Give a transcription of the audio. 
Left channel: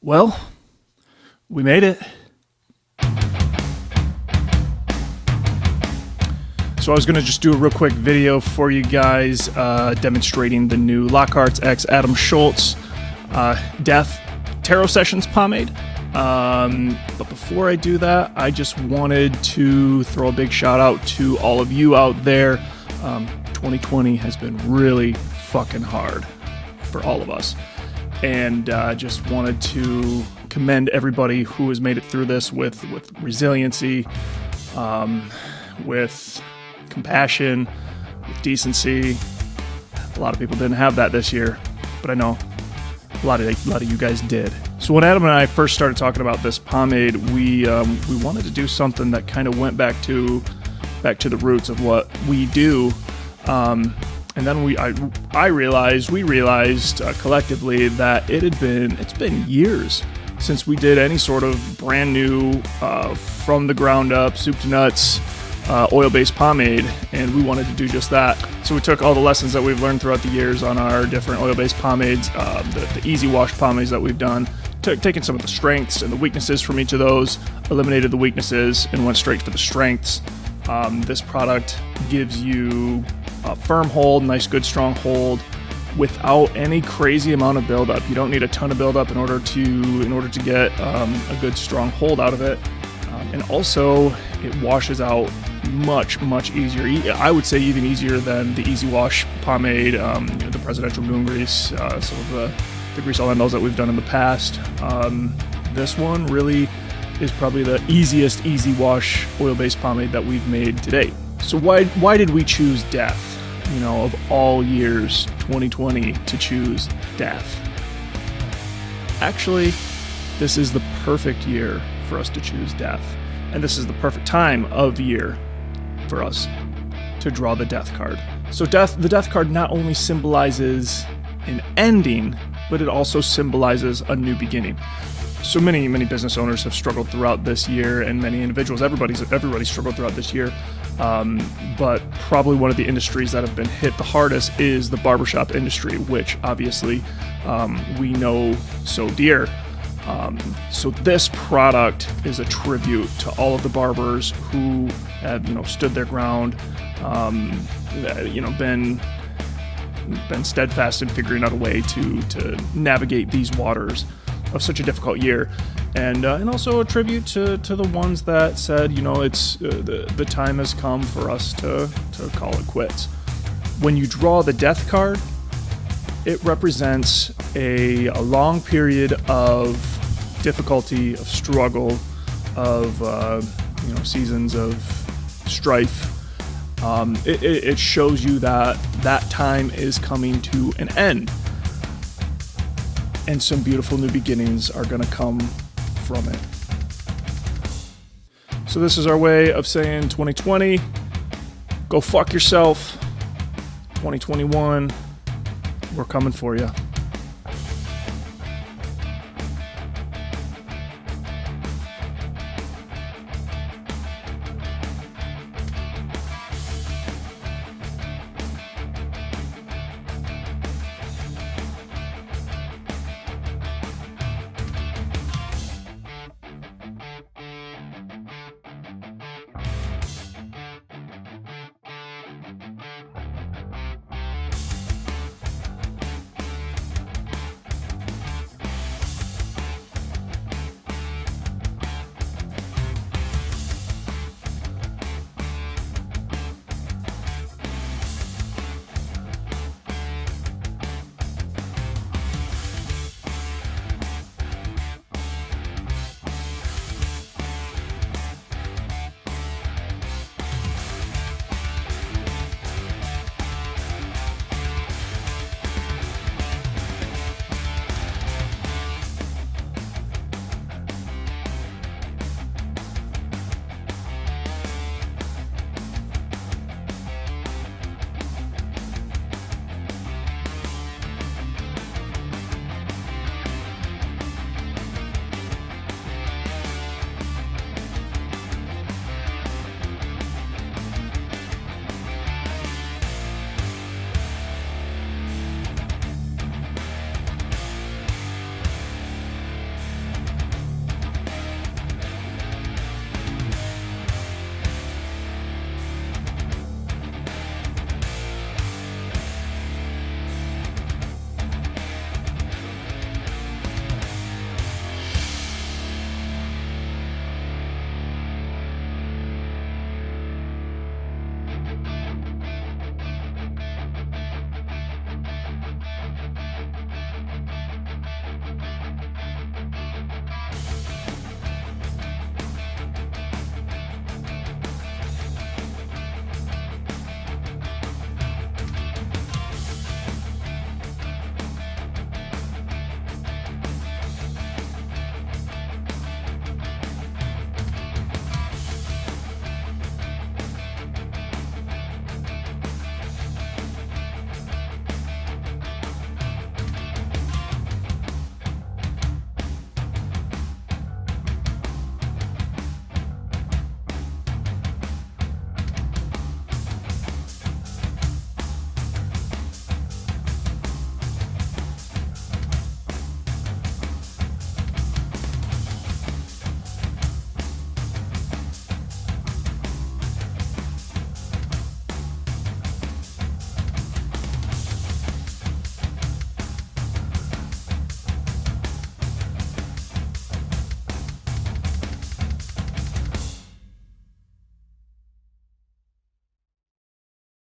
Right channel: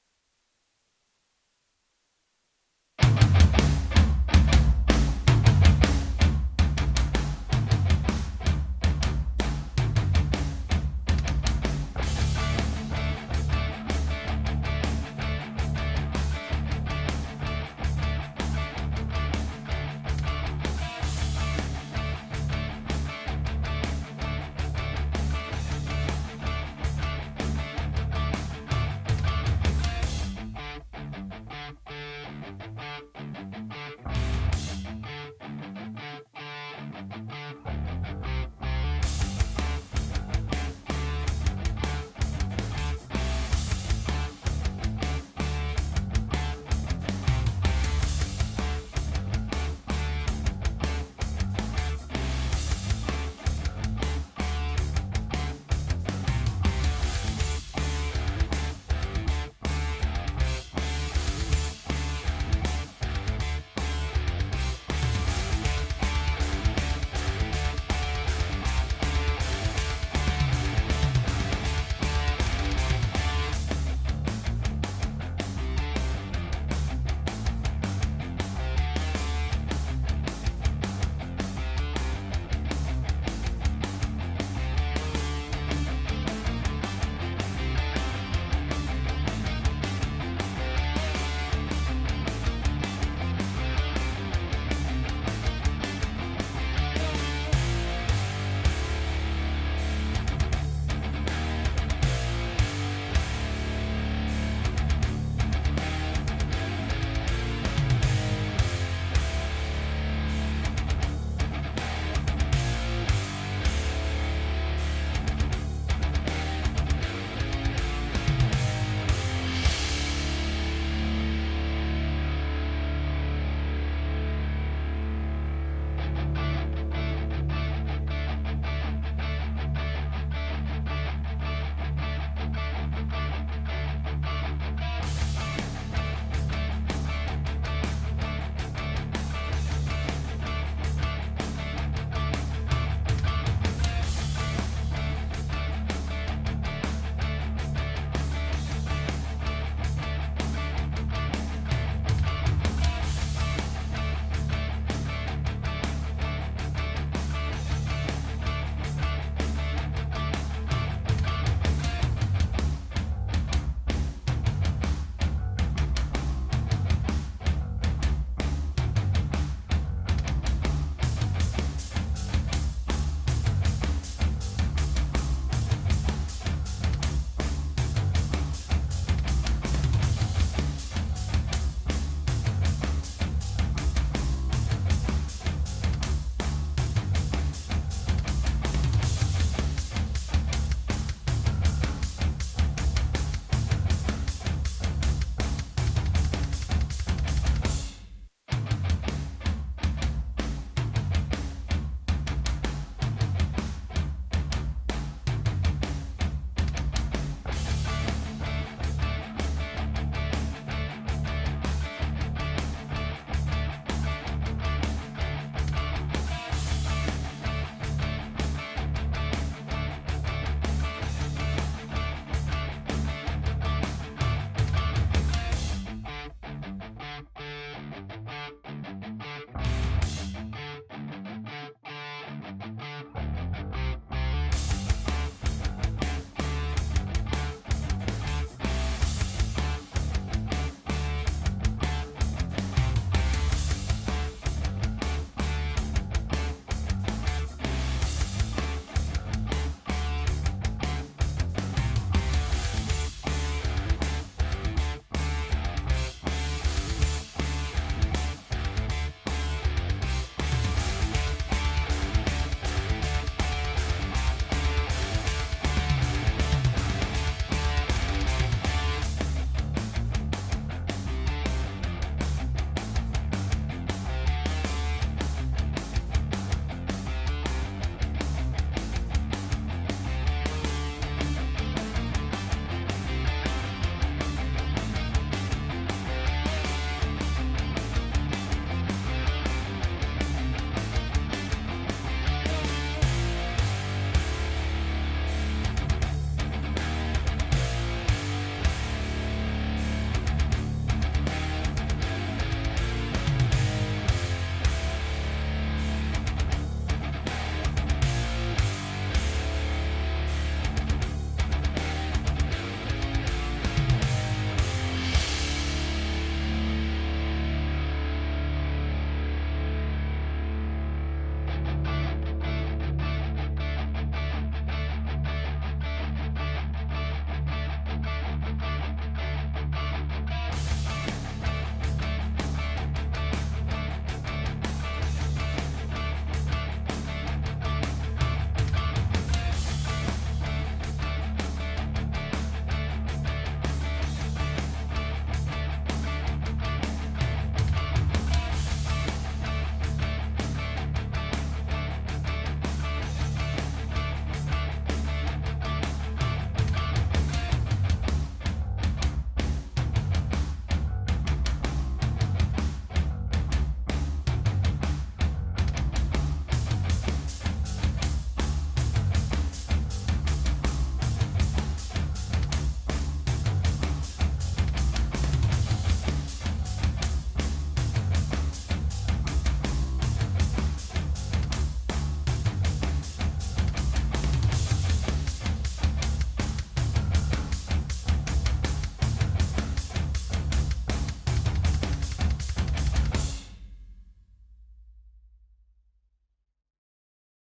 Well, we made it. So I was going to just do a real quick video for you guys demonstrating the new Lockhart x Adam Szulc Death Tarot Sessions pomade. But before I do that, I just wanted to throw a big shout out to all of you out there. 2020 has been really fucking hard for all of us. And just wanted to commend everybody who has made it through this with resiliency, with compassion, with decency. A lot of people didn't have that this year, but I know a lot of you guys did. So when Adam and I first started talking about this pomade, we wanted to do something that kind of went back to the roots of what we do. And then we realized collectively that it's been years since we did any sort of brand new, from the ground up, soup to nuts, oil-based pomade, and we wanted to do just that. So we took all the lessons that we've learned throughout the years on our different oil-based pomades, the easy wash pomades that we've done, taken some of the strengths and the weaknesses from each of those, eliminated the weaknesses, and went straight for the strengths. This product gives you a firm hold, nice, good, strong hold, without any crazy amount of buildup. You don't need a ton of buildup in order to get a good, strong hold out of it. And also, it washes out much easier. I would say even easier than the Easy Wash pomade, the Presidential Moon Grease, some of the grease elementals that we've done in the past. This one really is probably the easiest easy wash oil-based pomade that we've made to date. So why did we choose death? You know, of all years, 2020 to choose death. Actually, this is the perfect year for us to choose death. And this is the perfect time of year for us to draw the death card. So the death card not only symbolizes an ending, but it also symbolizes a new beginning. So many business owners have struggled throughout this year, and many individuals, everybody's struggled throughout this year. But probably one of the industries that have been hit the hardest is the barbershop industry, which obviously we know so dear. So this product is a tribute to all of the barbers who have, stood their ground, been steadfast in figuring out a way to navigate these waters of such a difficult year, and also a tribute to the ones that said, it's the time has come for us to call it quits. When you draw the death card, it represents a long period of difficulty, of struggle, of seasons of strife. It shows you that time is coming to an end, and some beautiful new beginnings are going to come from it. So this is our way of saying 2020, go fuck yourself. 2021, we're coming for you.